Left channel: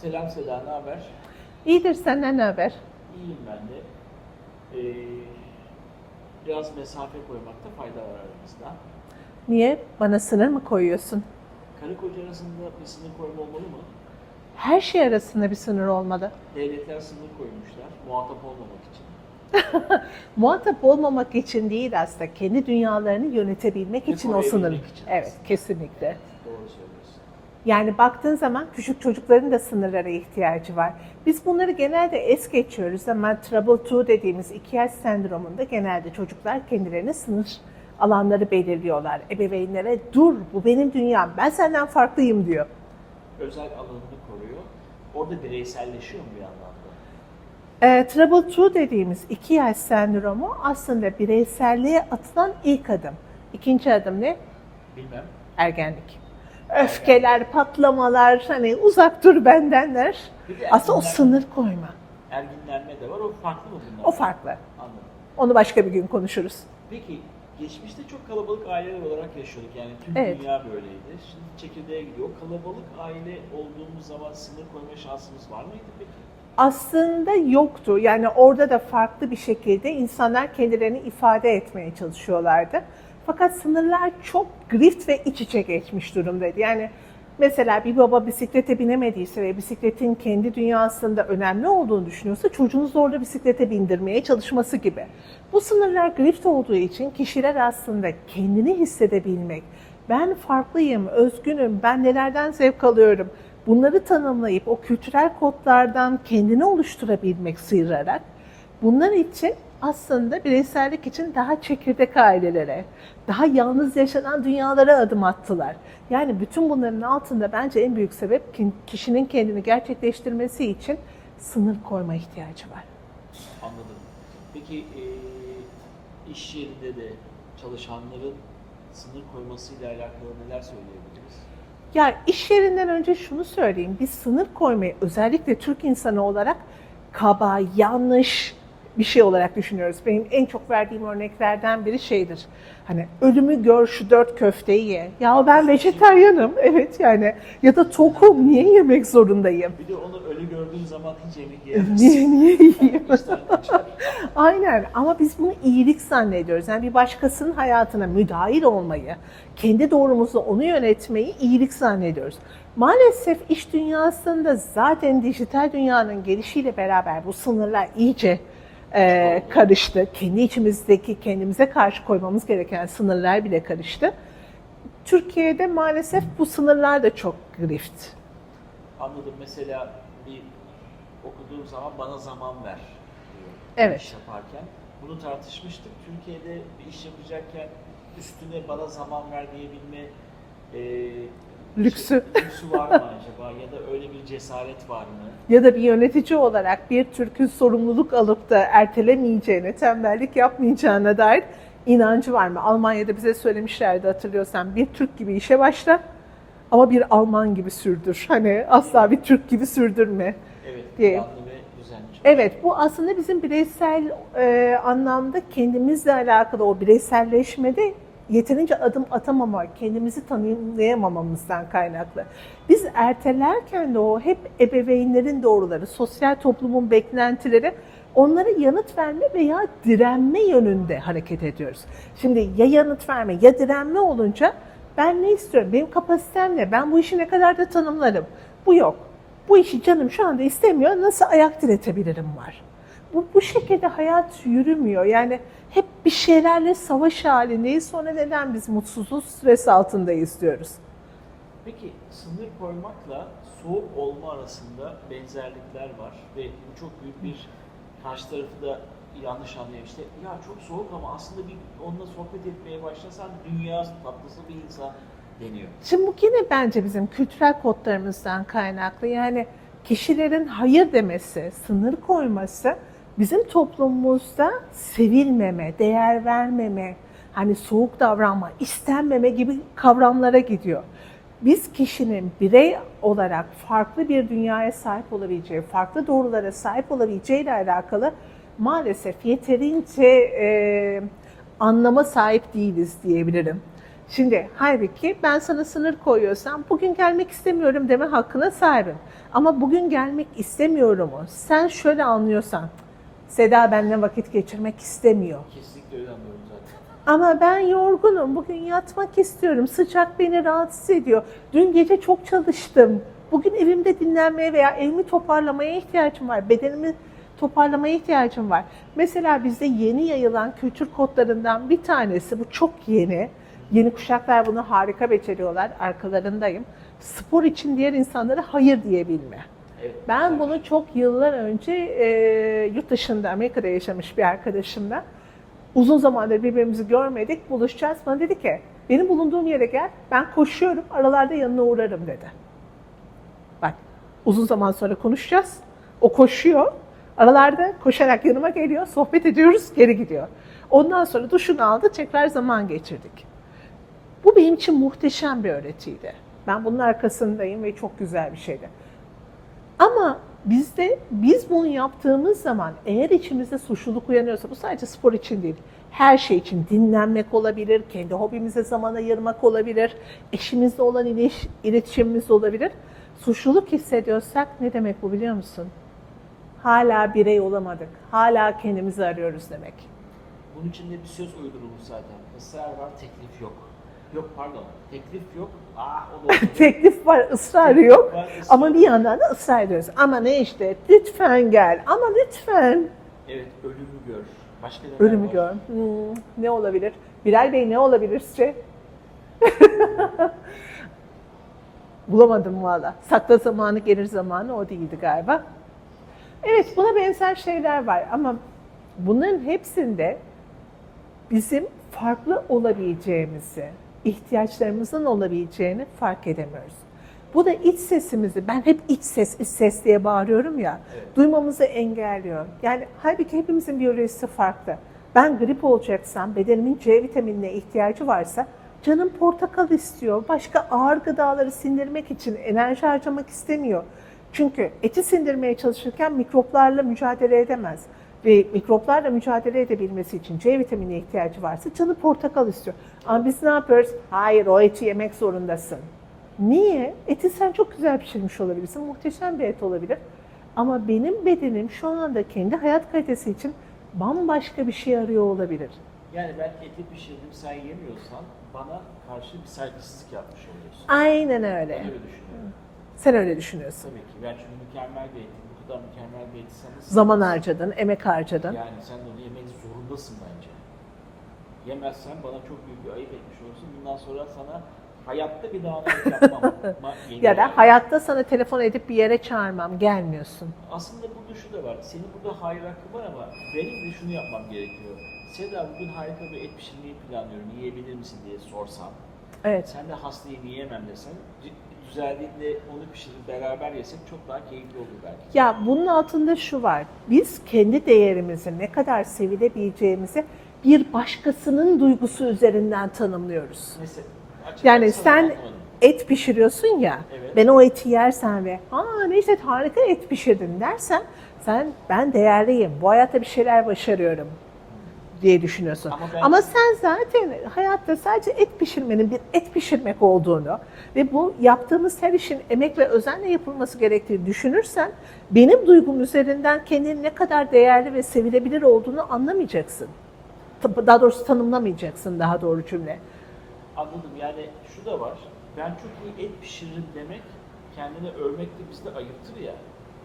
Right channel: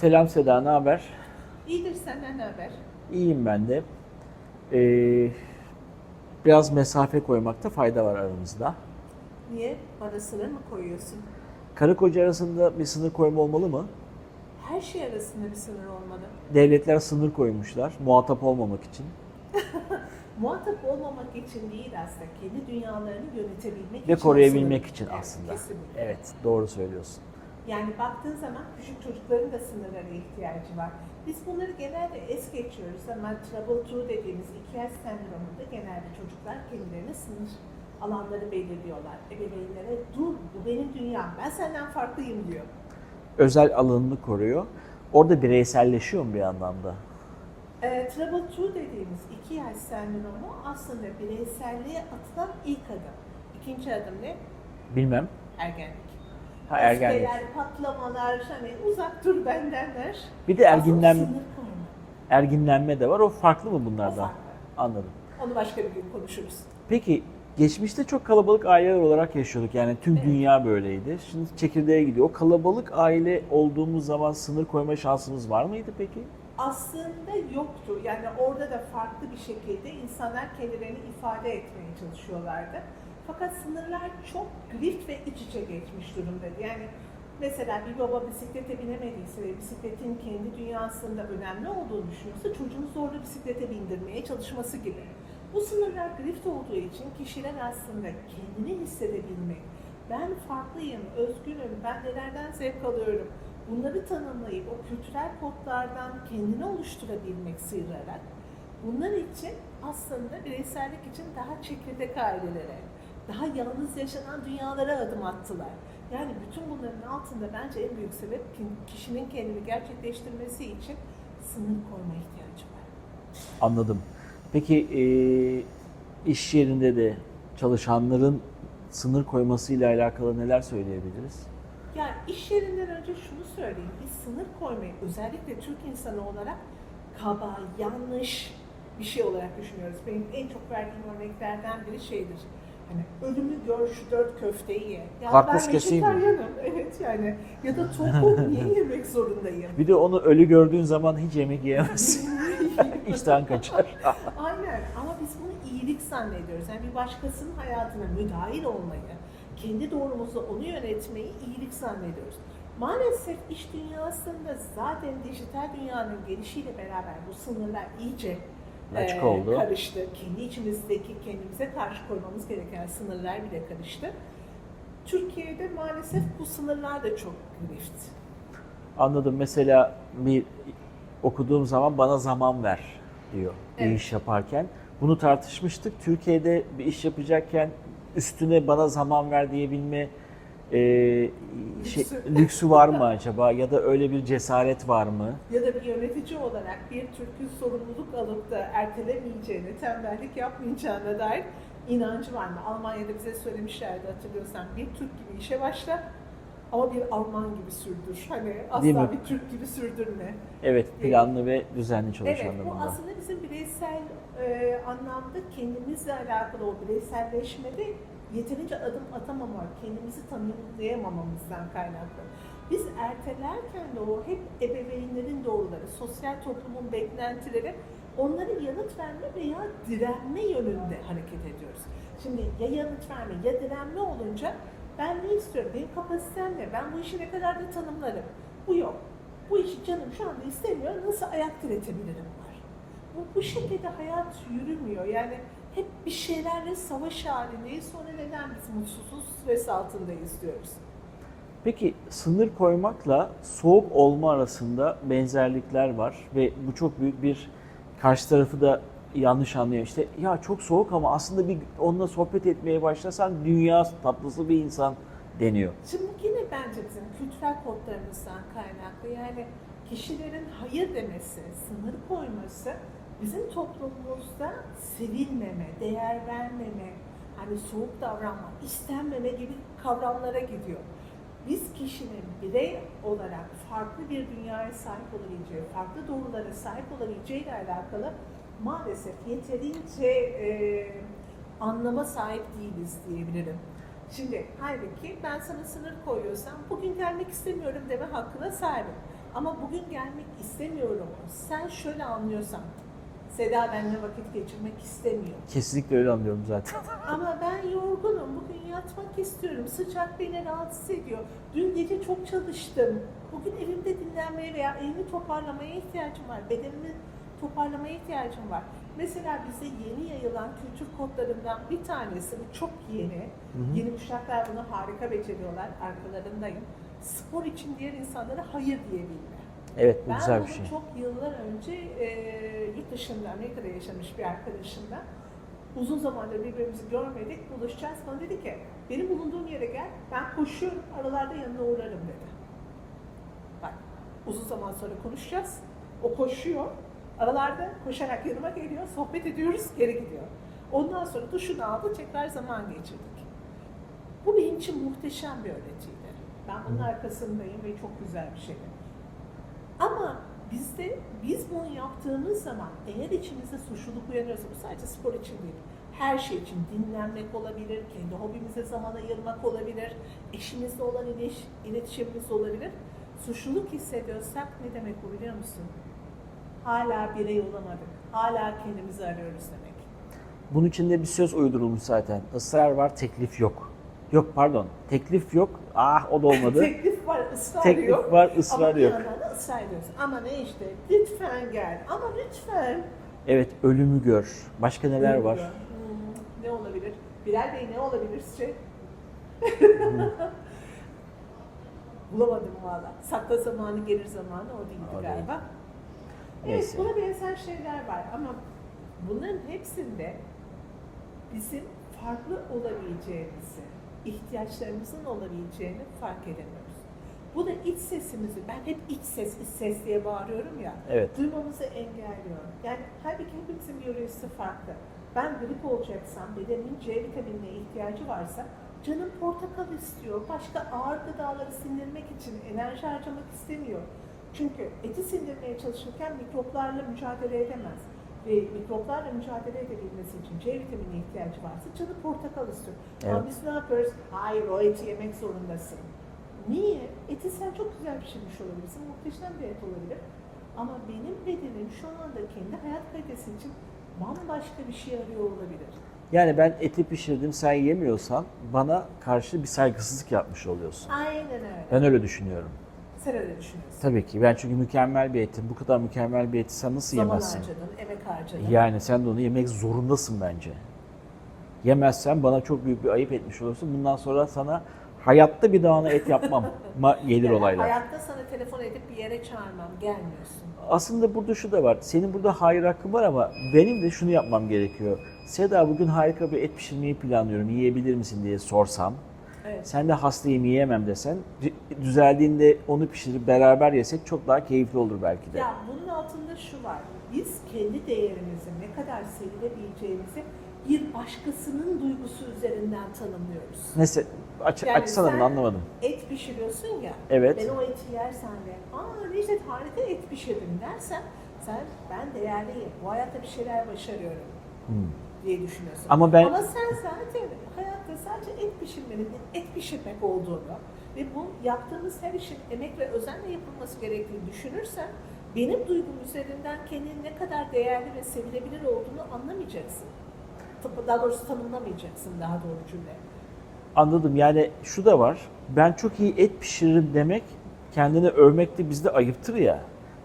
Selam Seda, ne haber? İyidir senden ne haber? İyiyim ben de. Ee, biraz mesafe koymakta fayda var aramızda. Niye? Bana sınır mı koyuyorsun? Karı koca arasında bir sınır koyma olmalı mı? Her şey arasında bir sınır olmalı. Devletler sınır koymuşlar muhatap olmamak için. Muhatap olmamak için değil aslında, kendi dünyalarını yönetebilmek Ve için o koruyabilmek sınır. için Evet, aslında. kesinlikle. Evet, doğru söylüyorsun. Yani baktığın zaman küçük çocukların da sınırlara ihtiyacı var. Biz bunları genelde es geçiyoruz ama Trouble 2 dediğimiz iki yaş sendromunda genelde çocuklar kendilerine sınır alanları belirliyorlar. Ebeveynlere dur bu benim dünyam ben senden farklıyım diyor. Özel alanını koruyor. Orada bireyselleşiyor mu bir anlamda? E, Trouble 2 dediğimiz iki yaş sendromu aslında bireyselliğe atılan ilk adım. İkinci adım ne? Bilmem. Ergenlik. Ha, ergenlik. Öfkeler, patlamalar, hani uzak dur bendenler. Bir de Aslında o erginlenme, sınır koyma. erginlenme de var. O farklı mı bunlardan? O farklı. Anladım. Onu başka bir gün konuşuruz. Peki geçmişte çok kalabalık aileler olarak yaşıyorduk. Yani tüm Evet. dünya böyleydi. Şimdi çekirdeğe gidiyor. O kalabalık aile olduğumuz zaman sınır koyma şansımız var mıydı peki? Aslında yoktu. Yani orada da farklı bir şekilde insanlar kendilerini ifade etmeye çalışıyorlardı. Fakat sınırlar çok grift ve iç içe geçmiş durumdaydı. Yani mesela bir baba bisiklete binemediyse ve bisikletin kendi dünyasında önemli olduğunu düşünüyorsa çocuğunuzu orada bisiklete bindirmeye çalışması gibi. Bu sınırlar grift olduğu için kişiler aslında kendini hissedebilmek, ben farklıyım, özgünüm, ben nelerden zevk alıyorum, bunları tanımlayıp o kültürel kodlardan kendini oluşturabilmek sıyırarak bunlar için aslında bireysellik için daha çekirdek ailelere, daha yalnız yaşanan dünyalara adım attılar. Yani bütün bunların altında bence en büyük sebep ki- kişinin kendini gerçekleştirmesi için sınır koyma ihtiyacı var. Anladım. Peki e, iş yerinde de çalışanların sınır koymasıyla alakalı neler söyleyebiliriz? Yani iş yerinden önce şunu söyleyeyim. Biz sınır koymayı özellikle Türk insanı olarak kaba, yanlış bir şey olarak düşünüyoruz. Benim en çok verdiğim örneklerden biri şeydir. Hani ölümü gör şu dört köfteyi ye. Ya Haklı ben vejetaryenim. Evet yani. Ya da tokum niye yemek zorundayım? Bir de onu ölü gördüğün zaman hiç yemek niye, yiyemezsin. niye yiyeyim? İşten kaçar. Aynen ama biz bunu iyilik zannediyoruz. Yani bir başkasının hayatına müdahil olmayı, kendi doğrumuzla onu yönetmeyi iyilik zannediyoruz. Maalesef iş dünyasında zaten dijital dünyanın gelişiyle beraber bu sınırlar iyice e, karıştı. Kendi içimizdeki kendimize karşı koymamız gereken sınırlar bile karıştı. Türkiye'de maalesef bu sınırlar da çok grift. Anladım. Mesela bir okuduğum zaman bana zaman ver diyor bir Evet. iş yaparken. Bunu tartışmıştık. Türkiye'de bir iş yapacakken üstüne bana zaman ver diyebilme e, Lüksü. lüksü var mı acaba? Ya da öyle bir cesaret var mı? ya da bir yönetici olarak bir Türk'ün sorumluluk alıp da ertelemeyeceğine, tembellik yapmayacağına dair inancı var mı? Almanya'da bize söylemişlerdi hatırlıyorsan bir Türk gibi işe başla ama bir Alman gibi sürdür. Hani asla bir Türk gibi sürdürme. Evet, Diye. planlı ve düzenli çalışanlar. Evet bu aslında bizim bireysel e, anlamda kendimizle alakalı o bireyselleşmede yeterince adım atamamak, kendimizi tanımlayamamamızdan kaynaklı. Biz ertelerken de o hep ebeveynlerin doğruları, sosyal toplumun beklentileri onlara yanıt verme veya direnme yönünde hareket ediyoruz. Şimdi ya yanıt verme ya direnme olunca ben ne istiyorum, benim kapasitem ne, ben bu işi ne kadar da tanımlarım. Bu yok. Bu işi canım şu anda istemiyor, nasıl ayak diretebilirim var. Bu, bu şekilde hayat yürümüyor. Yani hep bir şeylerle savaş halindeyiz. Sonra neden biz mutsuzuz, stres altındayız diyoruz. Peki sınır koymakla soğuk olma arasında benzerlikler var ve bu çok büyük bir karşı tarafı da yanlış anlıyor. İşte ya çok soğuk ama aslında bir onunla sohbet etmeye başlasan dünya tatlısı bir insan deniyor. Şimdi bu yine bence bizim kültürel kodlarımızdan kaynaklı. Yani kişilerin hayır demesi, sınır koyması bizim toplumumuzda sevilmeme, değer vermeme, hani soğuk davranma, istenmeme gibi kavramlara gidiyor. Biz kişinin birey olarak farklı bir dünyaya sahip olabileceği, farklı doğrulara sahip olabileceği ile alakalı maalesef yeterince e, anlama sahip değiliz diyebilirim. Şimdi halbuki ben sana sınır koyuyorsam bugün gelmek istemiyorum deme hakkına sahibim. Ama bugün gelmek istemiyorumu sen şöyle anlıyorsan Seda benimle vakit geçirmek istemiyor. Kesinlikle öyle anlıyorum zaten. Ama ben yorgunum. Bugün yatmak istiyorum. Sıcak beni rahatsız ediyor. Dün gece çok çalıştım. Bugün evimde dinlenmeye veya evimi toparlamaya ihtiyacım var. Bedenimi toparlamaya ihtiyacım var. Mesela bizde yeni yayılan kültür kodlarından bir tanesi, bu çok yeni. Yeni kuşaklar bunu harika beceriyorlar. Arkalarındayım. Spor için diğer insanlara hayır diyebilme. Evet bu Ben güzel bir bunu şey. çok yıllar önce e, yurt dışında, Amerika'da yaşamış bir arkadaşımla uzun zamandır birbirimizi görmedik, buluşacağız. Bana dedi ki, benim bulunduğum yere gel, ben koşuyorum, aralarda yanına uğrarım dedi. Bak, uzun zaman sonra konuşacağız. O koşuyor, aralarda koşarak yanıma geliyor, sohbet ediyoruz, geri gidiyor. Ondan sonra duşunu aldı, tekrar zaman geçirdik. Bu benim için muhteşem bir öğretiydi. Ben bunun arkasındayım ve çok güzel bir şeydi. Ama bizde biz bunu yaptığımız zaman eğer içimizde suçluluk uyanıyorsa bu sadece spor için değil. Her şey için dinlenmek olabilir, kendi hobimize zaman ayırmak olabilir, eşimizle olan iliş- iletişimimiz olabilir. Suçluluk hissediyorsak ne demek bu biliyor musun? Hala birey olamadık. Hala kendimizi arıyoruz demek. Bunun içinde bir söz uydurulmuş zaten. Israr var, teklif yok. Yok pardon, teklif yok. Ah o da olmadı. Teklif var, ısrar Teklif yok. var, ısrar Ama bir yok. yandan da ısrar ediyoruz. Ama ne işte lütfen gel. Ama lütfen. Evet, ölümü gör. Başka neler Ölümü var? gör. Hmm, ne olabilir? Bilal Bey ne olabilir sizce? Bulamadım valla. Sakla zamanı gelir zamanı o değildi galiba. Evet buna benzer şeyler var ama bunların hepsinde bizim farklı olabileceğimizi, ihtiyaçlarımızın olabileceğini fark edemiyoruz. Bu da iç sesimizi, ben hep iç ses, iç ses diye bağırıyorum ya, Evet. duymamızı engelliyor. Yani halbuki hepimizin biyolojisi farklı. Ben grip olacaksam, bedenimin C vitaminine ihtiyacı varsa, canım portakal istiyor, başka ağır gıdaları sindirmek için enerji harcamak istemiyor. Çünkü eti sindirmeye çalışırken mikroplarla mücadele edemez. Ve mikroplarla mücadele edebilmesi için C vitamini ihtiyacı varsa canı portakal istiyor. Ama Evet. biz ne yapıyoruz? Hayır o eti yemek zorundasın. Niye? Eti sen çok güzel pişirmiş olabilirsin. Muhteşem bir et olabilir. Ama benim bedenim şu anda kendi hayat kalitesi için bambaşka bir şey arıyor olabilir. Yani ben eti pişirdim, sen yemiyorsan bana karşı bir saygısızlık yapmış oluyorsun. Aynen öyle. Ben öyle düşünüyorum. Sen öyle düşünüyorsun. Tabii ki. Ben çünkü mükemmel bir eti, bu kadar mükemmel bir eti sen nasıl Zaman yemezsin? harcadın, emek harcadın. Yani sen de onu yemek zorundasın bence. Yemezsen bana çok büyük bir ayıp etmiş olursun. Bundan sonra sana hayatta bir daha ona et yapmam. Ma gelir Ya da olaylar. hayatta sana telefon edip bir yere çağırmam, gelmiyorsun. Aslında burada şu da var. Senin burada hayır hakkın var ama benim de şunu yapmam gerekiyor. Seda bugün harika bir et pişirmeyi planlıyorum. Yiyebilir misin diye sorsam. Evet. Sen de hastayım yiyemem desen. Düzeldiğinde onu pişirip beraber yesek çok daha keyifli olur belki. de. Ya bunun altında şu var. Biz kendi değerimizi ne kadar sevilebileceğimizi bir başkasının duygusu üzerinden tanımlıyoruz. Mesela aç, Yani açsana sen anlamadım. et pişiriyorsun ya. Evet. Ben o eti yersen ve aa neyse harika et pişirdin dersen sen ben değerliyim. Bu hayatta bir şeyler başarıyorum diye düşünüyorsun. Ama ben- Ama sen zaten hayatta sadece et pişirmenin bir et pişirmek olduğunu ve bu yaptığımız her işin emek ve özenle yapılması gerektiğini düşünürsen benim duygum üzerinden kendini ne kadar değerli ve sevilebilir olduğunu anlamayacaksın. Daha doğrusu tanımlamayacaksın daha doğru cümle. Anladım. Yani şu da var. Ben çok iyi et pişiririm demek kendini övmek de bizde ayıptır ya.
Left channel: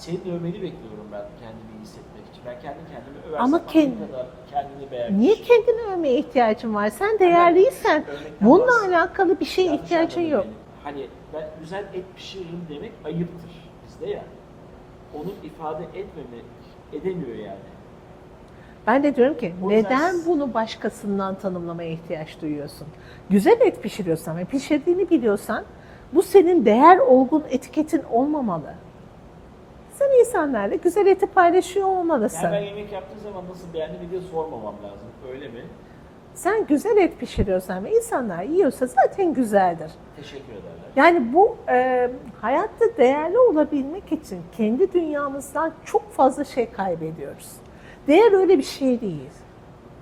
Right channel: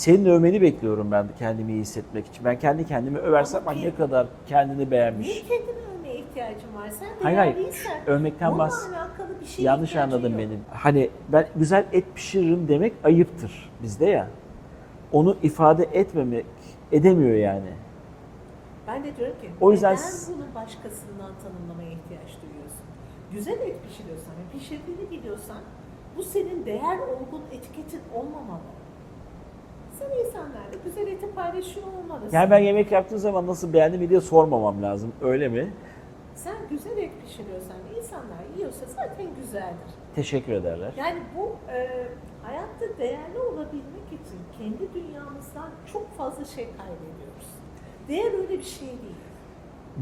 Senin övmeni bekliyorum ben kendimi iyi hissetmek için. Ben kendi kendimi översem Ama kend- ne kadar kendini beğenmiş. Niye kendini övmeye ihtiyacın var? Sen değerliysen Övmekten bununla bahs- alakalı bir şeye Yanlış ihtiyacın anladın yok. benim. Hani ben güzel et pişiririm demek ayıptır bizde ya. Onu ifade etmemek edemiyor yani. Ben de diyorum ki O yüzden neden s- bunu başkasından tanımlamaya ihtiyaç duyuyorsun? Güzel et pişiriyorsan ve pişirdiğini biliyorsan bu senin değer olgun etiketin olmamalı. Sen insanlarla güzel eti paylaşıyor olmalısın. Yani ben yemek yaptığım zaman nasıl beğendim diye sormamam lazım. Öyle mi? Sen güzel et pişiriyorsan ve insanlar yiyorsa zaten güzeldir. Teşekkür ederler. Yani bu e, hayatta değerli olabilmek için kendi dünyamızdan çok fazla şey kaybediyoruz. Değer öyle bir şey değil.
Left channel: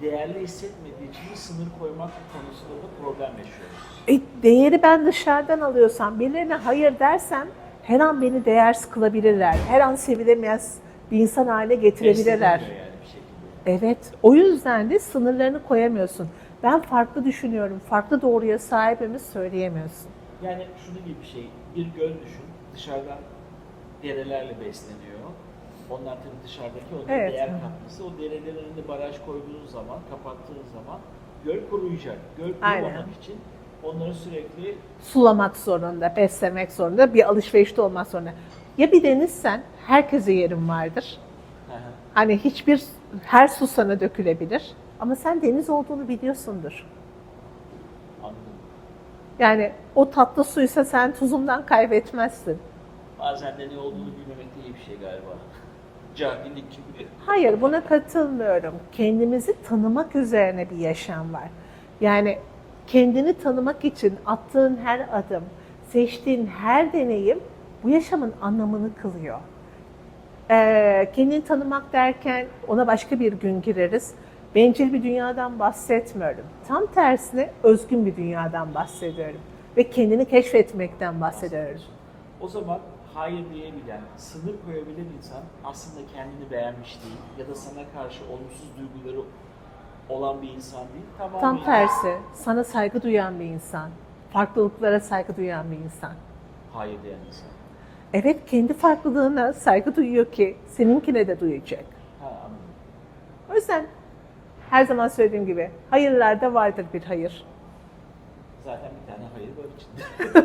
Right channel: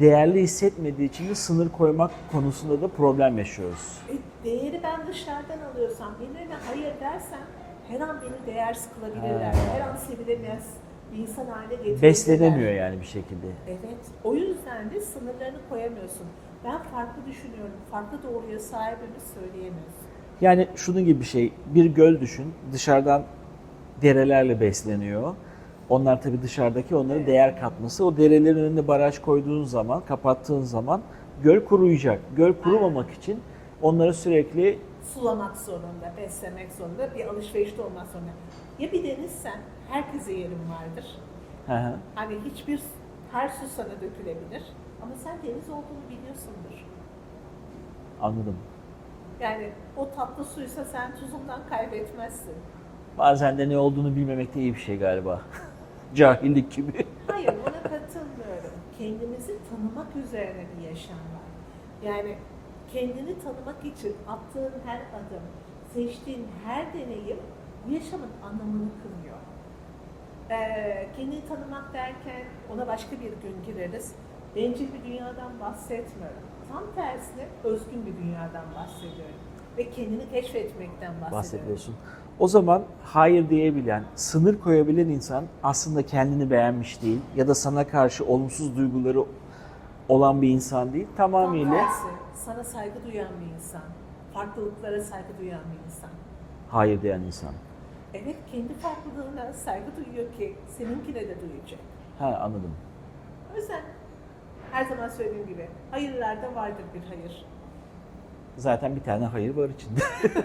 değerli hissetmediği için de sınır koymak konusunda da problem yaşıyoruz. E, değeri ben dışarıdan alıyorsam, birilerine hayır dersem her an beni değersiz kılabilirler. Her an sevilemez bir insan haline getirebilirler. Beslenemiyor yani bir şekilde. Evet. O yüzden de sınırlarını koyamıyorsun. Ben farklı düşünüyorum, farklı doğruya sahibimiz söyleyemiyorsun. Yani şunun gibi bir şey, bir göl düşün, dışarıdan derelerle besleniyor. Onlar tabii dışarıdaki onlara Evet. değer katması. O derelerin önüne baraj koyduğun zaman, kapattığın zaman göl kuruyacak. Göl kurumamak için onları sürekli Sulamak zorunda, beslemek zorunda, bir alışverişte olmak zorunda. Ya bir denizsen herkese yerin vardır. Hı hı. Hani hiçbir, her su sana dökülebilir. Ama sen deniz olduğunu biliyorsundur. anladım. Yani o tatlı suysa sen tuzundan kaybetmezsin. Bazen de ne olduğunu bilmemek de iyi bir şey galiba. Cahillik gibi. Hayır buna katılmıyorum. Kendimizi tanımak üzerine bir yaşam var. Yani kendini tanımak için attığın her adım, seçtiğin her deneyim bu yaşamın anlamını kılıyor. Ee, kendini tanımak derken ona başka bir gün gireriz. Bencil bir dünyadan bahsetmiyorum. Tam tersine özgün bir dünyadan bahsediyorum. Ve kendini keşfetmekten bahsediyorum. O zaman hayır diyebilen, sınır koyabilen insan aslında kendini beğenmiş değil ya da sana karşı olumsuz duyguları olan bir insan değil. Tam Tamamıyla tersi, sana saygı duyan bir insan, farklılıklara saygı duyan bir insan. hayır diyen insan. Evet, kendi farklılığına saygı duyuyor ki seninkine de duyacak. Ha anladım. O yüzden her zaman söylediğim gibi hayırlarda vardır bir hayır. Zaten bir tane hayır var içinde.